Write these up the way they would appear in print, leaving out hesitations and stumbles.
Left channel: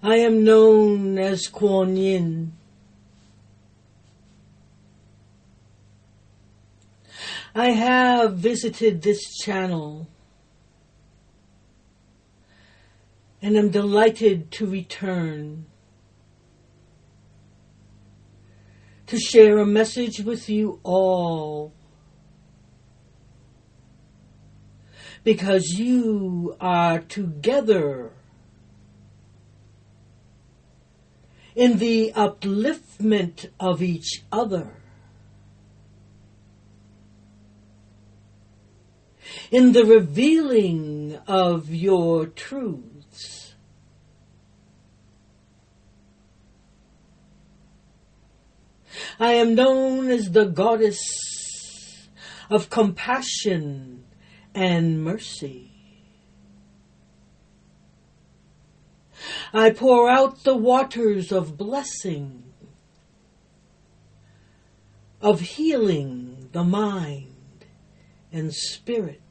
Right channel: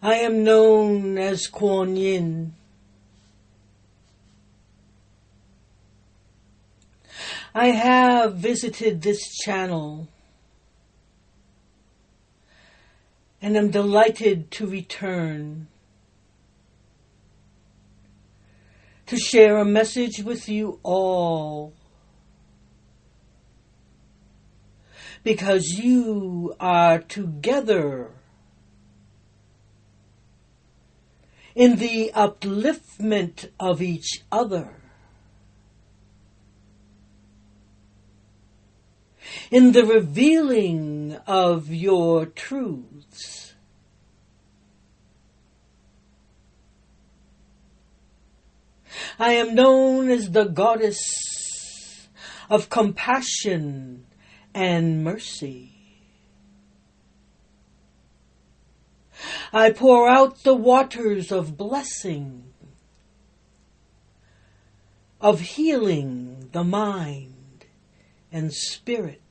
I am known as Quan Yin. I have visited this channel and am delighted to return to share a message with you all, because you are together in the upliftment of each other, in the revealing of your truths. I am known as the goddess of compassion and mercy. I pour out the waters of blessing, of healing the mind and spirit.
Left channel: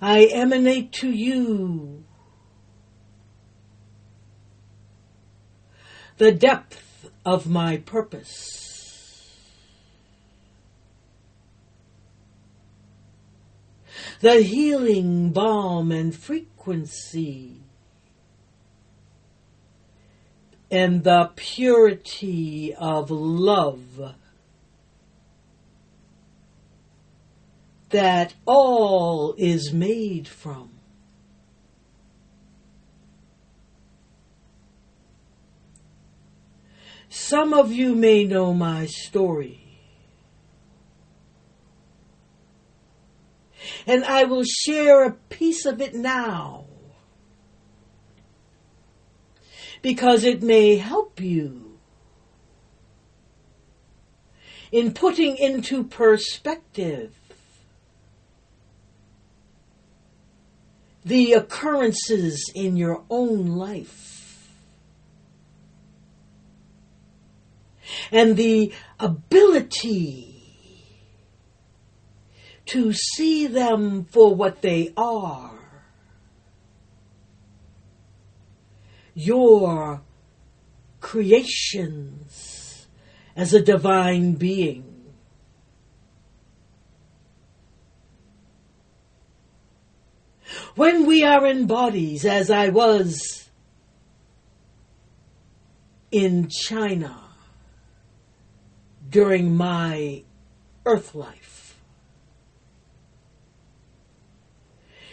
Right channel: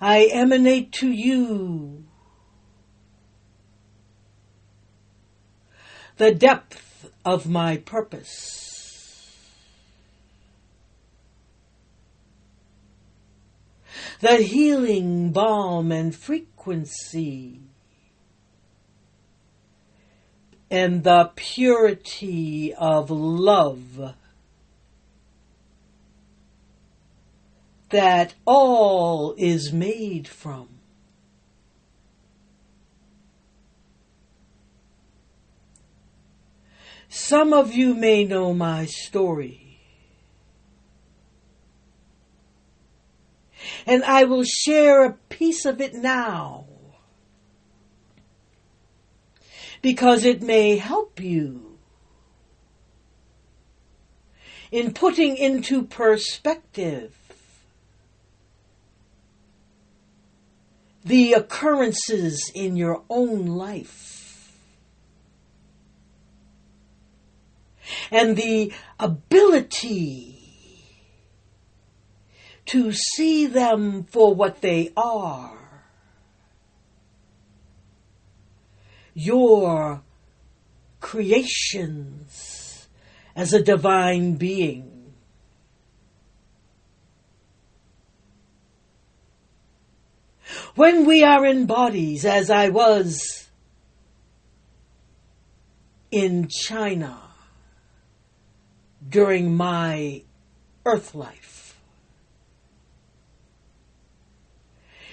I emanate to you the depth of my purpose, the healing balm and frequency, and the purity of love that all is made from. Some of you may know my story, and I will share a piece of it now, because it may help you in putting into perspective the occurrences in your own life and the ability to see them for what they are, your creations as a divine being. When we are in bodies, as I was in China during my earth life,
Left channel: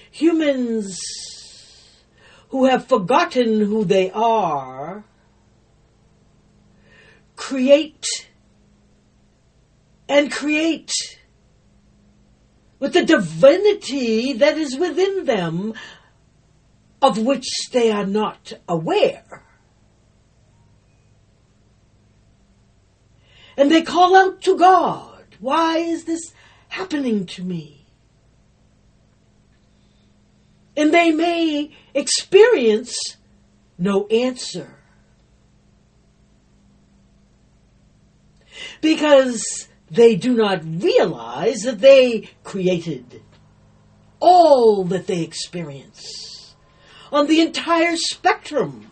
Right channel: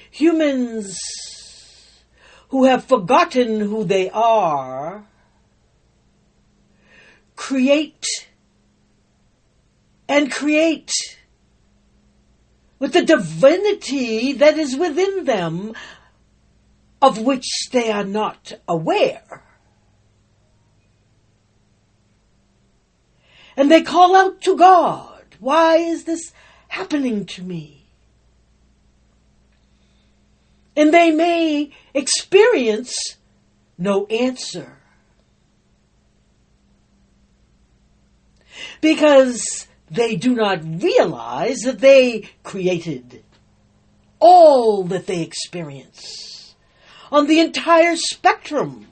humans who have forgotten who they are create with the divinity that is within them, of which they are not aware. And they call out to God, why is this happening to me? And they may experience no answer, because they do not realize that they created all that they experience on the entire spectrum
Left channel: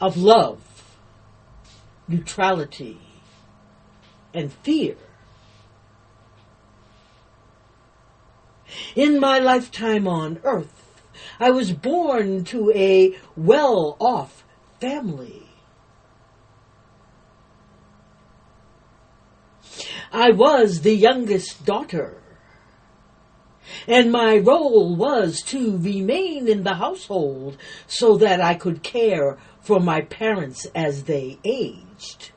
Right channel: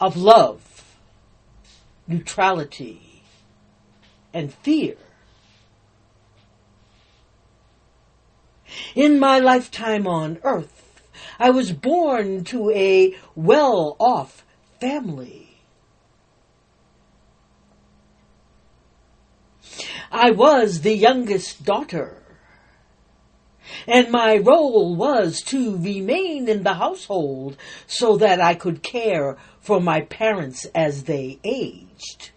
of love, neutrality, and fear. In my lifetime on earth, I was born to a well-off family. I was the youngest daughter, and my role was to remain in the household so that I could care for my parents as they aged.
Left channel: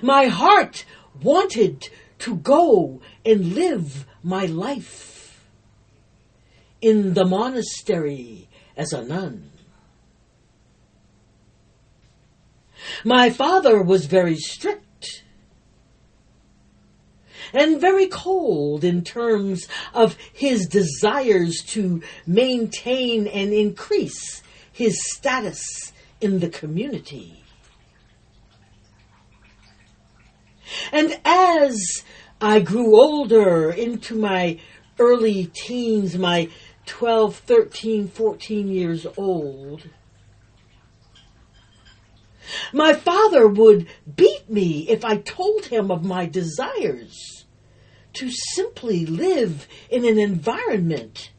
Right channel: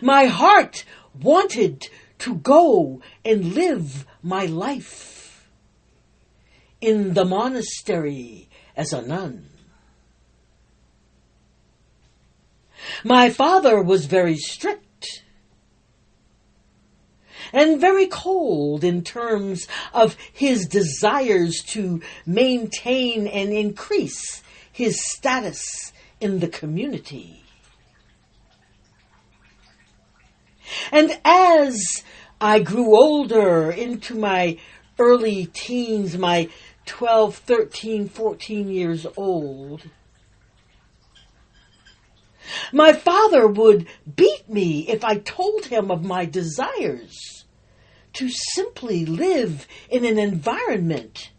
My heart wanted to go and live my life in the monastery as a nun. My father was very strict and very cold in terms of his desires to maintain and increase his status in the community. And as I grew older into my early teens, my 12, 13, 14 years old. My father would beat me if I told him of my desires to simply live in an environment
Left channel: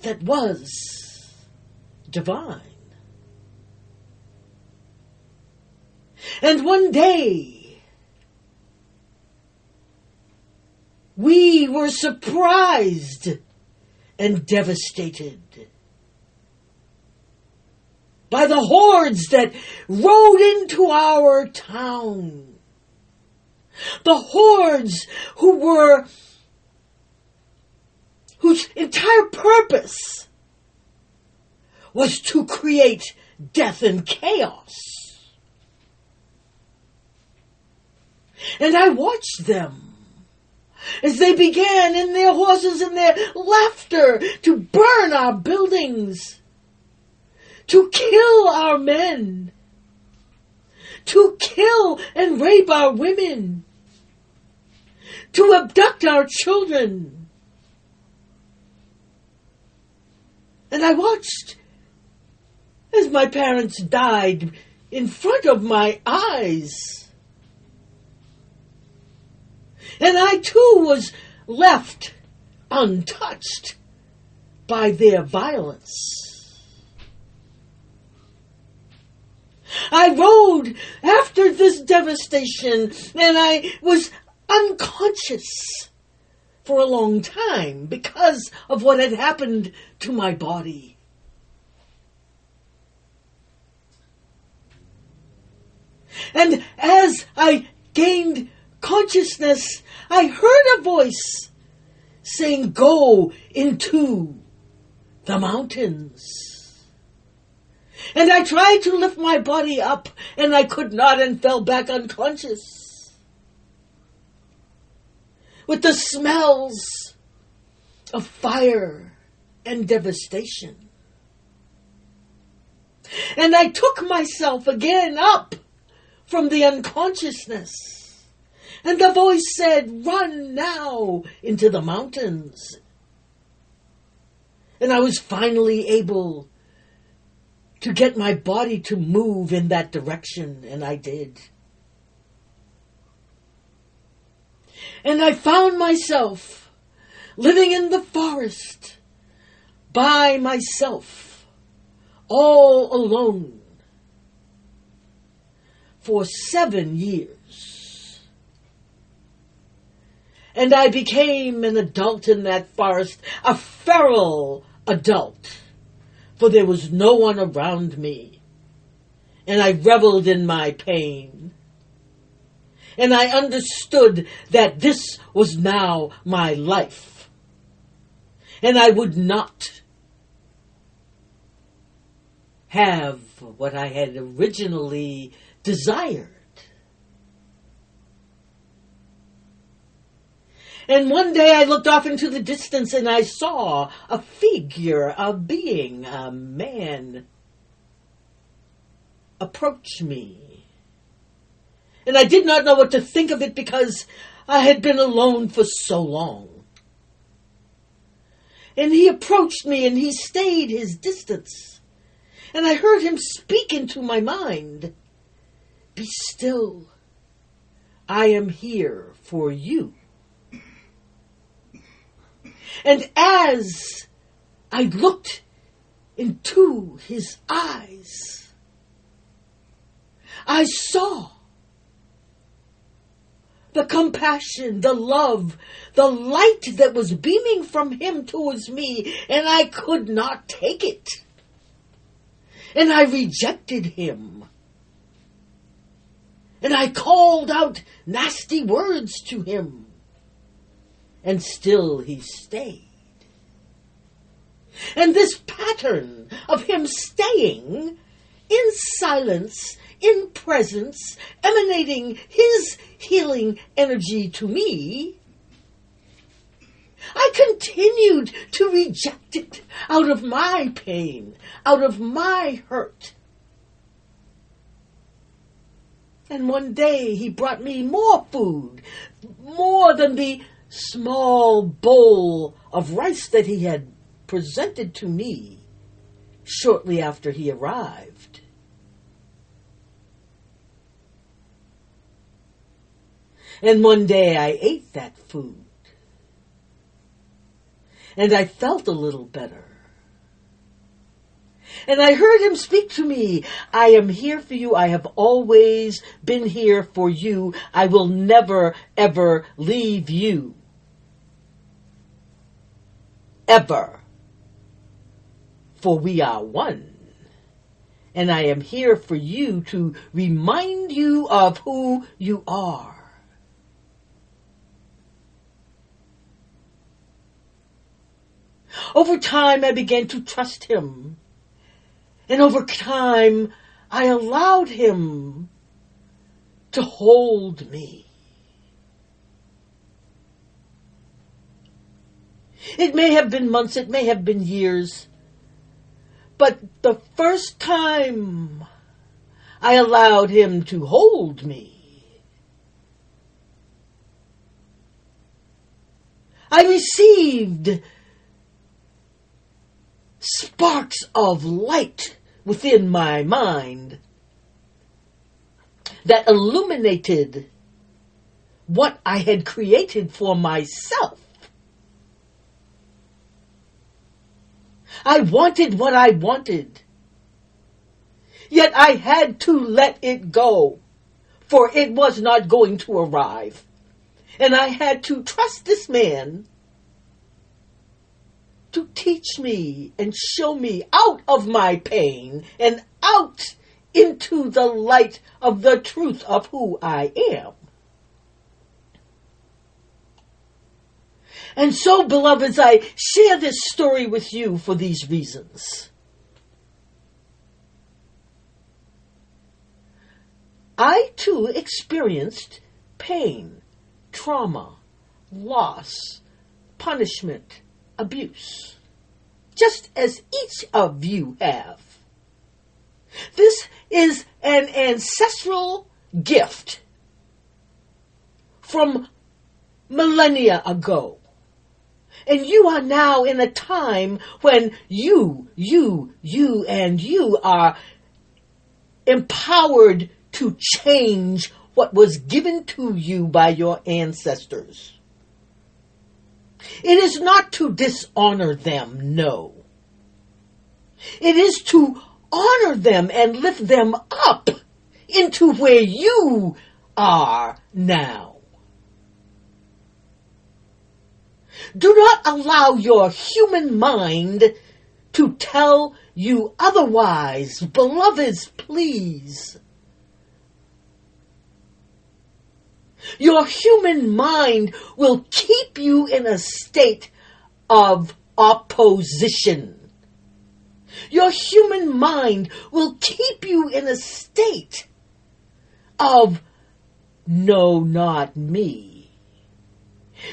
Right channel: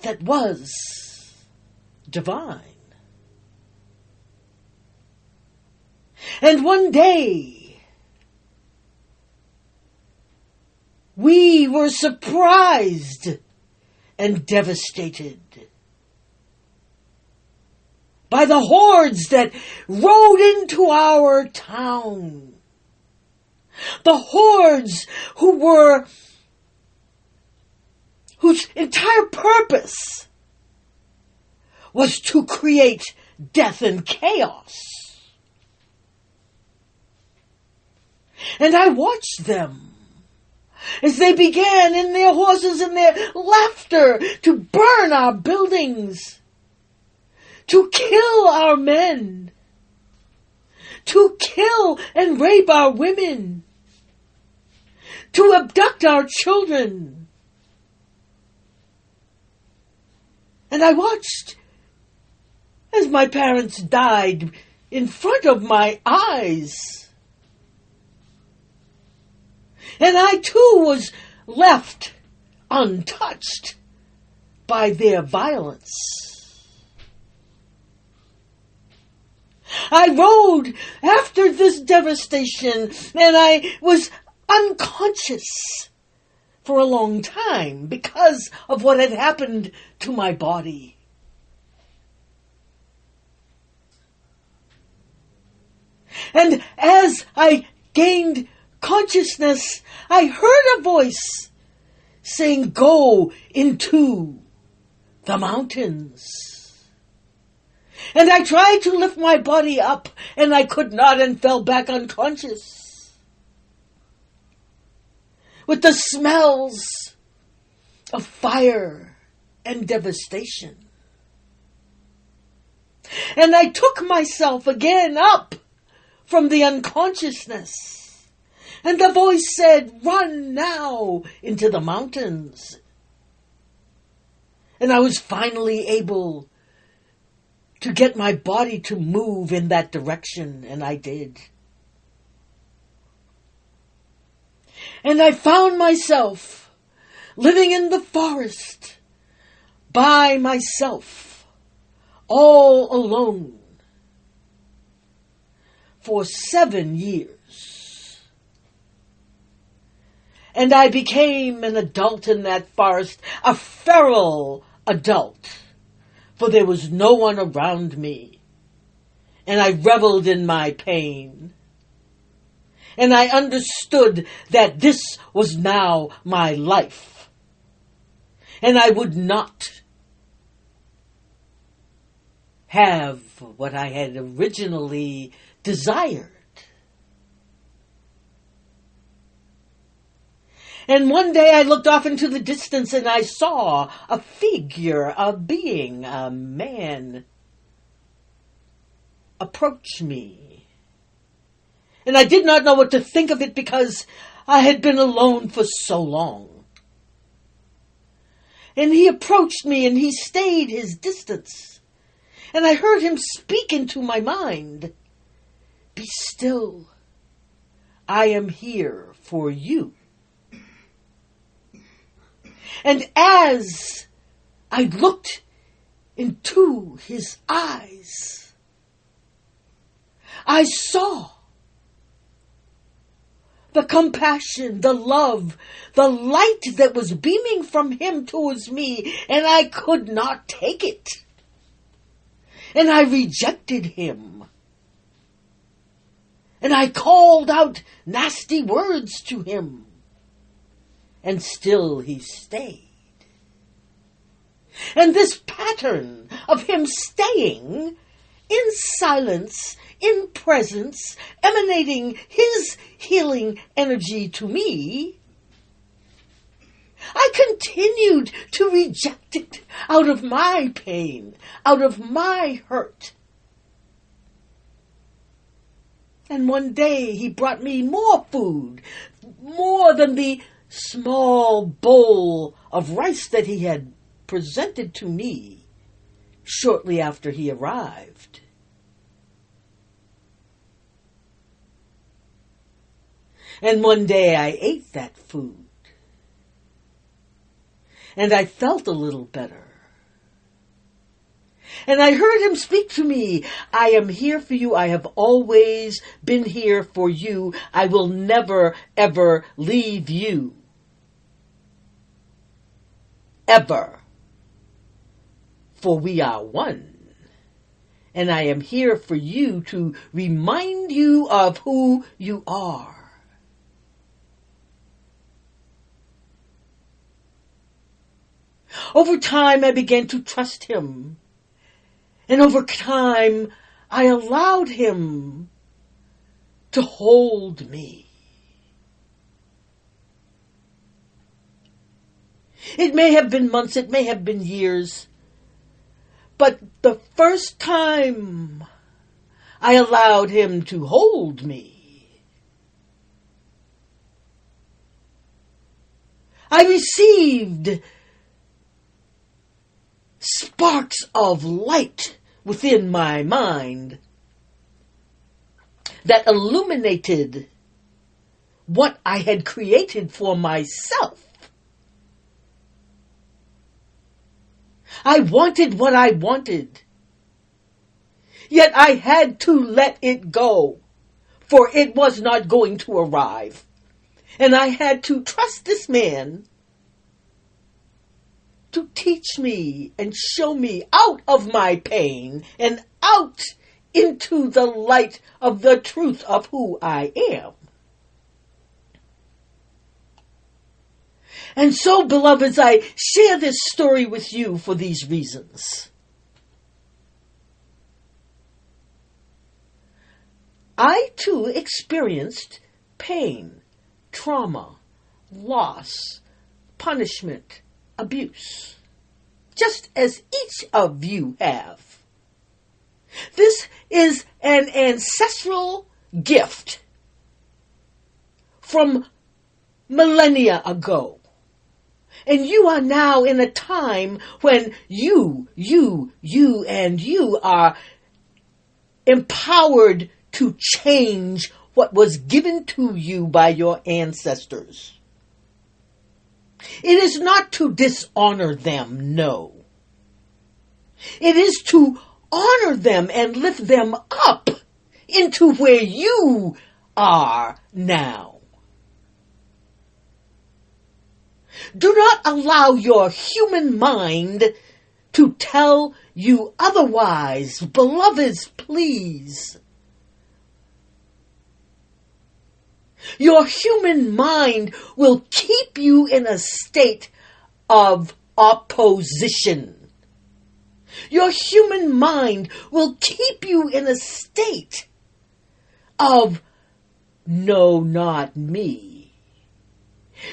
that was divine. And one day, we were surprised and devastated by the hordes that rode into our town. The hordes whose entire purpose was to create death and chaos. And I watched them as they began in their horses and their laughter to burn our buildings, to kill our men, to kill and rape our women, to abduct our children. And I watched as my parents died in front of my eyes. And I too was left untouched by their violence. I rode after this devastation, and I was unconscious for a long time because of what had happened to my body. And as I gained consciousness, I heard a voice saying, "Go into the mountains." And I tried to lift my body up, and I could not, and fell back unconscious. With the smells of fire and devastation. And I took myself again up from the unconsciousness. And the voice said, "Run now into the mountains." And I was finally able to get my body to move in that direction, and I did. And I found myself living in the forest by myself, all alone, for 7 years. And I became an adult in that forest, a feral adult, for there was no one around me. And I reveled in my pain. And I understood that this was now my life. And I would not have what I had originally desired. And one day I looked off into the distance and I saw a figure, a being, a man, approach me. And I did not know what to think of it because I had been alone for so long. And he approached me and he stayed his distance. And I heard him speak into my mind. "Be still. I am here for you." And as I looked into his eyes, I saw the compassion, the love, the light that was beaming from him towards me, and I could not take it. And I rejected him. And I called out nasty words to him. And still he stayed. And this pattern of him staying in silence, in presence, emanating his healing energy to me, I continued to reject it out of my pain, out of my hurt. And one day he brought me more food, more than the small bowl of rice that he had presented to me shortly after he arrived. And one day I ate that food, and I felt a little better. And I heard him speak to me. I am here for you. I have always been here for you. I will never, ever leave you. Ever. For we are one. And I am here for you to remind you of who you are. Over time, I began to trust him. And over time, I allowed him to hold me. It may have been months, it may have been years, but the first time I allowed him to hold me, I received sparks of light within my mind that illuminated what I had created for myself. I wanted what I wanted, yet I had to let it go, for it was not going to arrive. And I had to trust this man to teach me and show me out of my pain and out into the light of the truth of who I am. And so, beloveds, I share this story with you for these reasons. I too experienced pain, trauma, loss, punishment, abuse, just as each of you have. This is an ancestral gift from millennia ago. And you are now in a time when you are empowered to change what was given to you by your ancestors. It is not to dishonor them, no. It is to honor them and lift them up into where you are now. Do not allow your human mind to tell you otherwise. Beloveds, please. Your human mind will keep you in a state of opposition. Your human mind will keep you in a state of no, not me.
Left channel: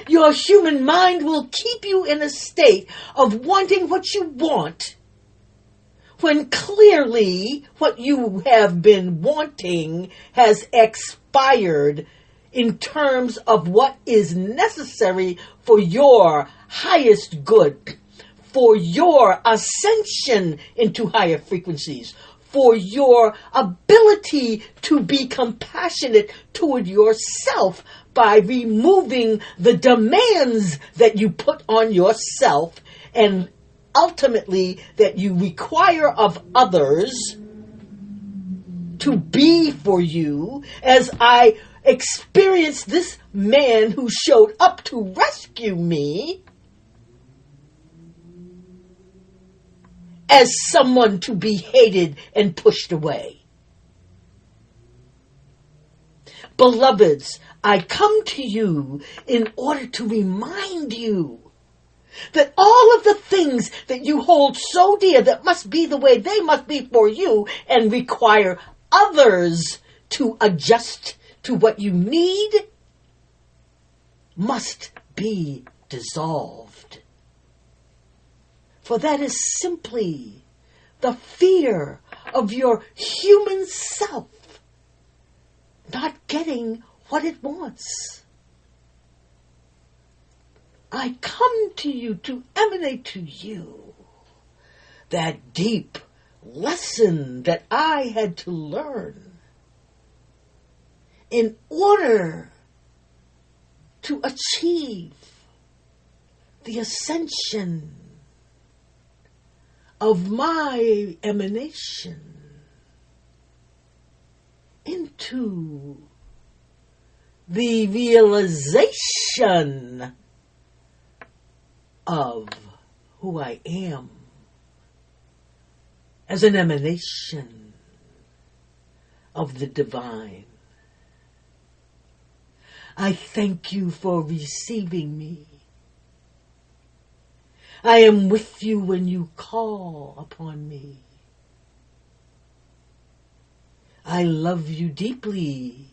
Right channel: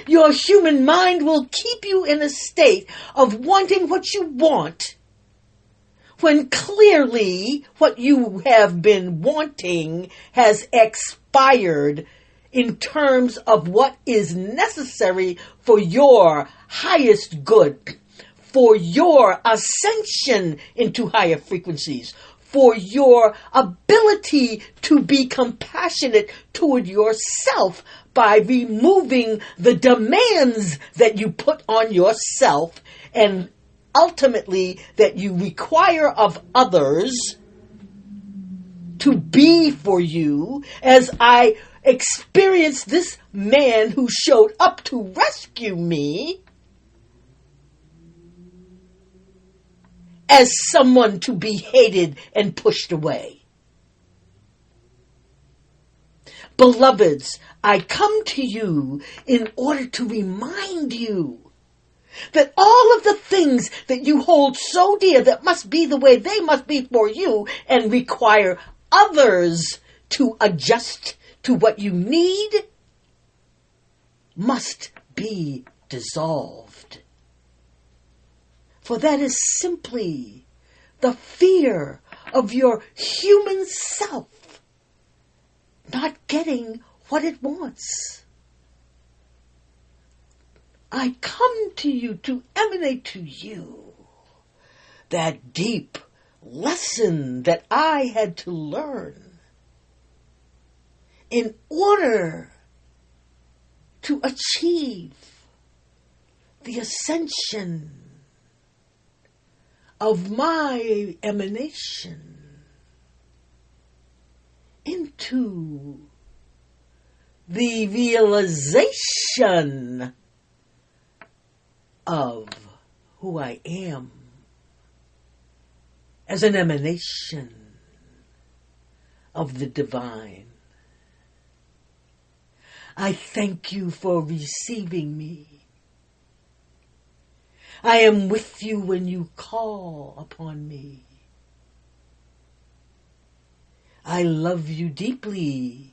Your human mind will keep you in a state of wanting what you want, when clearly what you have been wanting has expired in terms of what is necessary for your highest good, for your ascension into higher frequencies, for your ability to be compassionate toward yourself by removing the demands that you put on yourself and ultimately that you require of others to be for you, as I experienced this man who showed up to rescue me as someone to be hated and pushed away. Beloveds, I come to you in order to remind you that all of the things that you hold so dear that must be the way they must be for you and require others to adjust to what you need must be dissolved. For that is simply the fear of your human self what it wants. I come to you to emanate to you that deep lesson that I had to learn in order to achieve the ascension of my emanation into the realization of who I am as an emanation of the divine. I thank you for receiving me. I am with you when you call upon me. I love you deeply.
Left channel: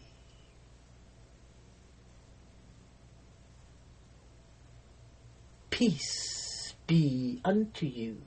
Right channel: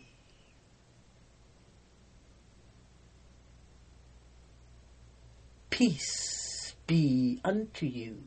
Peace be unto you.